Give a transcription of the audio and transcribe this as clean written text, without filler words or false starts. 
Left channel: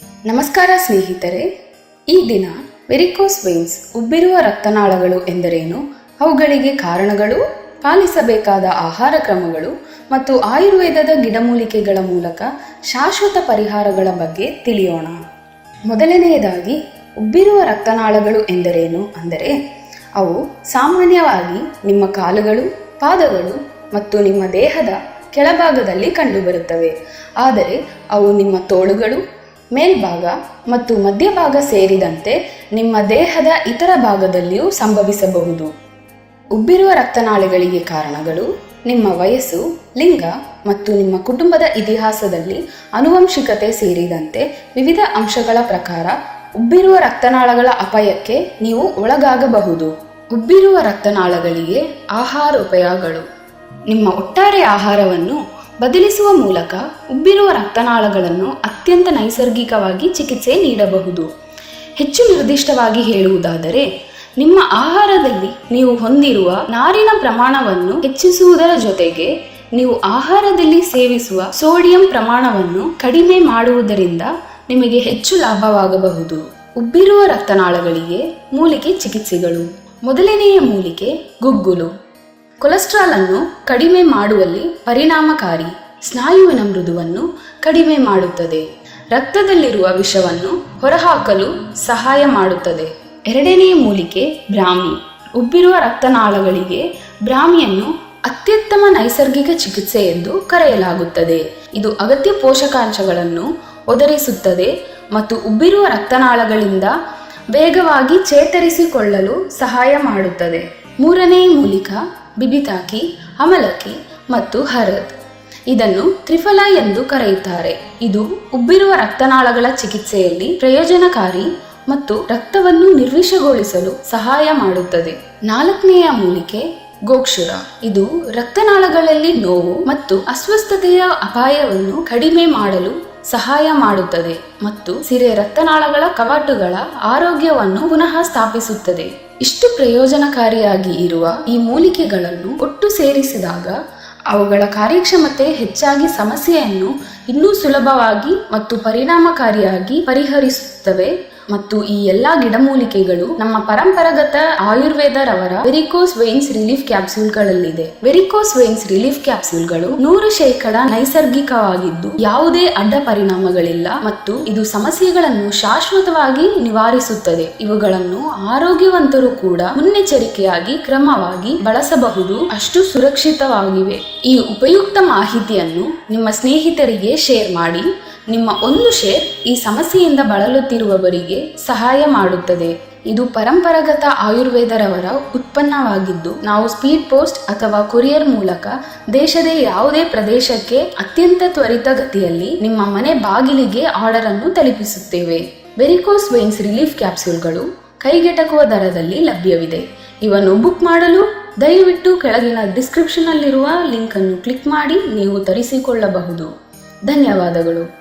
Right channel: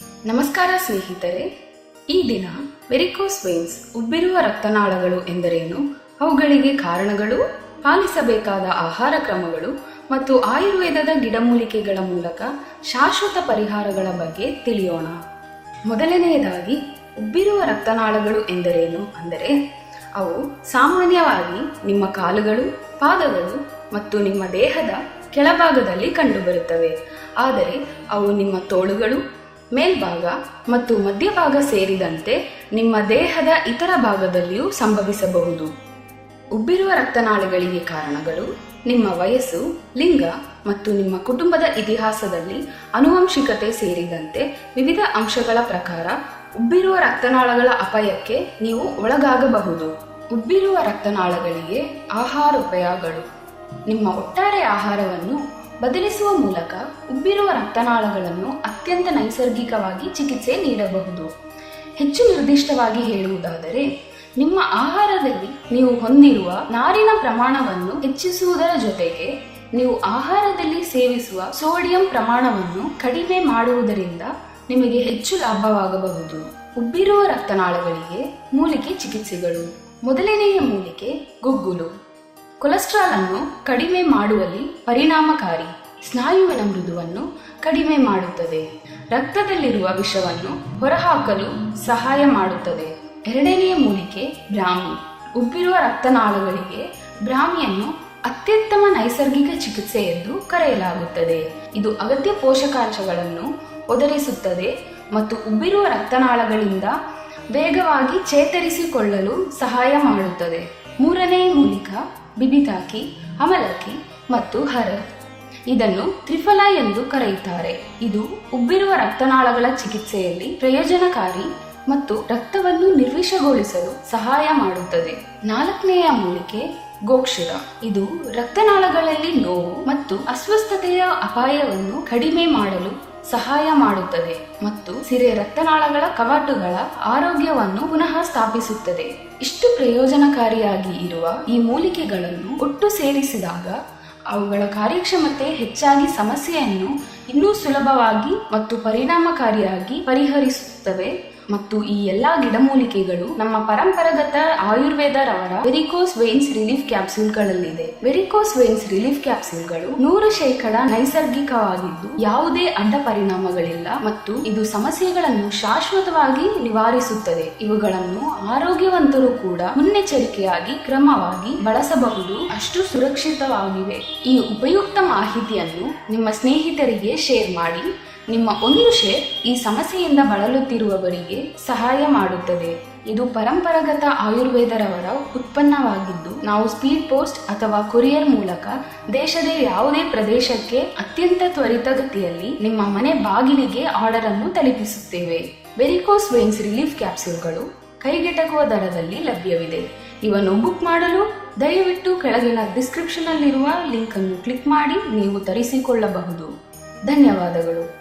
ನಮಸ್ಕಾರ ಸ್ನೇಹಿತರೆ, ಈ ದಿನ ವೆರಿಕೋಸ್ ವೇನ್ಸ್ ಉಬ್ಬಿರುವ ರಕ್ತನಾಳಗಳು ಎಂದರೇನು, ಅವುಗಳಿಗೆ ಕಾರಣಗಳು, ಪಾಲಿಸಬೇಕಾದ ಆಹಾರ ಕ್ರಮಗಳು ಮತ್ತು ಆಯುರ್ವೇದದ ಗಿಡಮೂಲಿಕೆಗಳ ಮೂಲಕ ಶಾಶ್ವತ ಪರಿಹಾರಗಳ ಬಗ್ಗೆ ತಿಳಿಯೋಣ. ಮೊದಲನೆಯದಾಗಿ ಉಬ್ಬಿರುವ ರಕ್ತನಾಳಗಳು ಎಂದರೇನು ಅಂದರೆ, ಅವು ಸಾಮಾನ್ಯವಾಗಿ ನಿಮ್ಮ ಕಾಲುಗಳು, ಪಾದಗಳು ಮತ್ತು ನಿಮ್ಮ ದೇಹದ ಕೆಳಭಾಗದಲ್ಲಿ ಕಂಡುಬರುತ್ತವೆ. ಆದರೆ ಅವು ನಿಮ್ಮ ತೋಳುಗಳು, ಮೇಲ್ಭಾಗ ಮತ್ತು ಮಧ್ಯಭಾಗ ಸೇರಿದಂತೆ ನಿಮ್ಮ ದೇಹದ ಇತರ ಭಾಗದಲ್ಲಿಯೂ ಸಂಭವಿಸಬಹುದು. ಉಬ್ಬಿರುವ ರಕ್ತನಾಳಗಳಿಗೆ ಕಾರಣಗಳು ನಿಮ್ಮ ವಯಸ್ಸು, ಲಿಂಗ ಮತ್ತು ನಿಮ್ಮ ಕುಟುಂಬದ ಇತಿಹಾಸದಲ್ಲಿ ಆನುವಂಶಿಕತೆ ಸೇರಿದಂತೆ ವಿವಿಧ ಅಂಶಗಳ ಪ್ರಕಾರ ಉಬ್ಬಿರುವ ರಕ್ತನಾಳಗಳ ಅಪಾಯಕ್ಕೆ ನೀವು ಒಳಗಾಗಬಹುದು. ಉಬ್ಬಿರುವ ರಕ್ತನಾಳಗಳಿಗೆ ಆಹಾರ ಉಪಯೋಗಗಳು. ನಿಮ್ಮ ಒಟ್ಟಾರೆ ಆಹಾರವನ್ನು ಬದಲಿಸುವ ಮೂಲಕ ಉಬ್ಬಿರುವ ರಕ್ತನಾಳಗಳನ್ನು ಅತ್ಯಂತ ನೈಸರ್ಗಿಕವಾಗಿ ಚಿಕಿತ್ಸೆ ನೀಡಬಹುದು. ಹೆಚ್ಚು ನಿರ್ದಿಷ್ಟವಾಗಿ ಹೇಳುವುದಾದರೆ, ನಿಮ್ಮ ಆಹಾರದಲ್ಲಿ ನೀವು ಹೊಂದಿರುವ ನಾರಿನ ಪ್ರಮಾಣವನ್ನು ಹೆಚ್ಚಿಸುವುದರ ಜೊತೆಗೆ ನೀವು ಆಹಾರದಲ್ಲಿ ಸೇವಿಸುವ ಸೋಡಿಯಂ ಪ್ರಮಾಣವನ್ನು ಕಡಿಮೆ ಮಾಡುವುದರಿಂದ ನಿಮಗೆ ಹೆಚ್ಚು ಲಾಭವಾಗಬಹುದು. ಉಬ್ಬಿರುವ ರಕ್ತನಾಳಗಳಿಗೆ ಮೂಲಿಕೆ ಚಿಕಿತ್ಸೆಗಳು. ಮೊದಲನೆಯ ಮೂಲಿಕೆ ಗುಗ್ಗುಲು. ಕೊಲೆಸ್ಟ್ರಾಲ್ ಅನ್ನು ಕಡಿಮೆ ಮಾಡುವಲ್ಲಿ ಪರಿಣಾಮಕಾರಿ, ಸ್ನಾಯುವಿನ ಮೃದುವನ್ನು ಕಡಿಮೆ ಮಾಡುತ್ತದೆ, ರಕ್ತದಲ್ಲಿರುವ ವಿಷವನ್ನು ಹೊರಹಾಕಲು ಸಹಾಯ ಮಾಡುತ್ತದೆ. ಎರಡನೆಯ ಮೂಲಿಕೆ ಬ್ರಾಹ್ಮಿ. ಉಬ್ಬಿರುವ ರಕ್ತನಾಳಗಳಿಗೆ ಬ್ರಾಹ್ಮಿಯನ್ನು ಅತ್ಯುತ್ತಮ ನೈಸರ್ಗಿಕ ಚಿಕಿತ್ಸೆ ಎಂದು ಕರೆಯಲಾಗುತ್ತದೆ. ಇದು ಅಗತ್ಯ ಪೋಷಕಾಂಶಗಳನ್ನು ಒದಗಿಸುತ್ತದೆ ಮತ್ತು ಉಬ್ಬಿರುವ ರಕ್ತನಾಳಗಳಿಂದ ವೇಗವಾಗಿ ಚೇತರಿಸಿಕೊಳ್ಳಲು ಸಹಾಯ ಮಾಡುತ್ತದೆ. ಮೂರನೇ ಮೂಲಿಕ ಬಿಬಿತಾಕಿ, ಅಮಲಕ್ಕಿ ಮತ್ತು ಹರದ್. ಇದನ್ನು ತ್ರಿಫಲ ಎಂದು ಕರೆಯುತ್ತಾರೆ. ಇದು ಉಬ್ಬಿರುವ ರಕ್ತನಾಳಗಳ ಚಿಕಿತ್ಸೆಯಲ್ಲಿ ಪ್ರಯೋಜನಕಾರಿ ಮತ್ತು ರಕ್ತವನ್ನು ನಿರ್ವಿಷಗೊಳಿಸಲು ಸಹಾಯ ಮಾಡುತ್ತದೆ. ನಾಲ್ಕನೆಯ ಮೂಲಿಕೆ ಗೋಕ್ಷುರ. ಇದು ರಕ್ತನಾಳಗಳಲ್ಲಿ ನೋವು ಮತ್ತು ಅಸ್ವಸ್ಥತೆಯ ಅಪಾಯವನ್ನು ಕಡಿಮೆ ಮಾಡಲು ಸಹಾಯ ಮಾಡುತ್ತದೆ ಮತ್ತು ಸಿರೆ ರಕ್ತನಾಳಗಳ ಕವಾಟುಗಳ ಆರೋಗ್ಯವನ್ನು ಪುನಃ ಸ್ಥಾಪಿಸುತ್ತದೆ. ಇಷ್ಟು ಪ್ರಯೋಜನಕಾರಿಯಾಗಿ ಇರುವ ಈ ಮೂಲಿಕೆಗಳನ್ನು ಒಟ್ಟು ಸೇರಿಸಿದಾಗ ಅವುಗಳ ಕಾರ್ಯಕ್ಷಮತೆ ಹೆಚ್ಚಾಗಿ ಸಮಸ್ಯೆಯನ್ನು ಇನ್ನೂ ಸುಲಭವಾಗಿ ಮತ್ತು ಪರಿಣಾಮಕಾರಿಯಾಗಿ ಪರಿಹರಿಸುತ್ತವೆ. ಮತ್ತು ಈ ಎಲ್ಲಾ ಗಿಡಮೂಲಿಕೆಗಳು ನಮ್ಮ ಪರಂಪರಾಗತ ಆಯುರ್ವೇದರವರ ವೆರಿಕೋಸ್ ವೇನ್ಸ್ ರಿಲೀಫ್ ಕ್ಯಾಪ್ಸೂಲ್ಗಳಲ್ಲಿದೆ. ವೆರಿಕೋಸ್ ವೇನ್ಸ್ ರಿಲೀಫ್ ಕ್ಯಾಪ್ಸೂಲ್ಗಳು 100% ನೈಸರ್ಗಿಕವಾಗಿದ್ದು ಯಾವುದೇ ಅಡ್ಡ ಪರಿಣಾಮಗಳಿಲ್ಲ ಮತ್ತು ಇದು ಸಮಸ್ಯೆಗಳನ್ನು ಶಾಶ್ವತವಾಗಿ ನಿವಾರಿಸುತ್ತದೆ. ಇವುಗಳನ್ನು ಆರೋಗ್ಯವಂತರು ಕೂಡ ಮುನ್ನೆಚ್ಚರಿಕೆಯಾಗಿ ಕ್ರಮವಾಗಿ ಬಳಸಬಹುದು, ಅಷ್ಟು ಸುರಕ್ಷಿತವಾಗಿವೆ. ಈ ಉಪಯುಕ್ತ ಮಾಹಿತಿಯನ್ನು ನಿಮ್ಮ ಸ್ನೇಹಿತರಿಗೆ ಶೇರ್ ಮಾಡಿ. ನಿಮ್ಮ ಒಂದು ಶೇರ್ ಈ ಸಮಸ್ಯೆಯಿಂದ ಬಳಲುತ್ತಿರುವವರಿಗೆ ಸಹಾಯ ಮಾಡುತ್ತದೆ. ಇದು ಪರಂಪರಾಗತ ಆಯುರ್ವೇದರವರ ಉತ್ಪನ್ನವಾಗಿದ್ದು, ನಾವು ಸ್ಪೀಡ್ ಪೋಸ್ಟ್ ಅಥವಾ ಕೊರಿಯರ್ ಮೂಲಕ ದೇಶದ ಯಾವುದೇ ಪ್ರದೇಶಕ್ಕೆ ಅತ್ಯಂತ ತ್ವರಿತಗತಿಯಲ್ಲಿ ನಿಮ್ಮ ಮನೆ ಬಾಗಿಲಿಗೆ ಆರ್ಡರ್ ಅನ್ನು ತಲುಪಿಸುತ್ತೇವೆ. ವೆರಿಕೋಸ್ ವೇನ್ಸ್ ರಿಲೀಫ್ ಕ್ಯಾಪ್ಸೂಲ್ಗಳು ಕೈಗೆಟಕುವ ದರದಲ್ಲಿ ಲಭ್ಯವಿದೆ. ಇವನ್ನು ಬುಕ್ ಮಾಡಲು ದಯವಿಟ್ಟು ಕೆಳಗಿನ ಡಿಸ್ಕ್ರಿಪ್ಷನ್ ನಲ್ಲಿರುವ ಲಿಂಕ್ ಅನ್ನು ಕ್ಲಿಕ್ ಮಾಡಿ ನೀವು ತರಿಸಿಕೊಳ್ಳಬಹುದು. ಧನ್ಯವಾದಗಳು.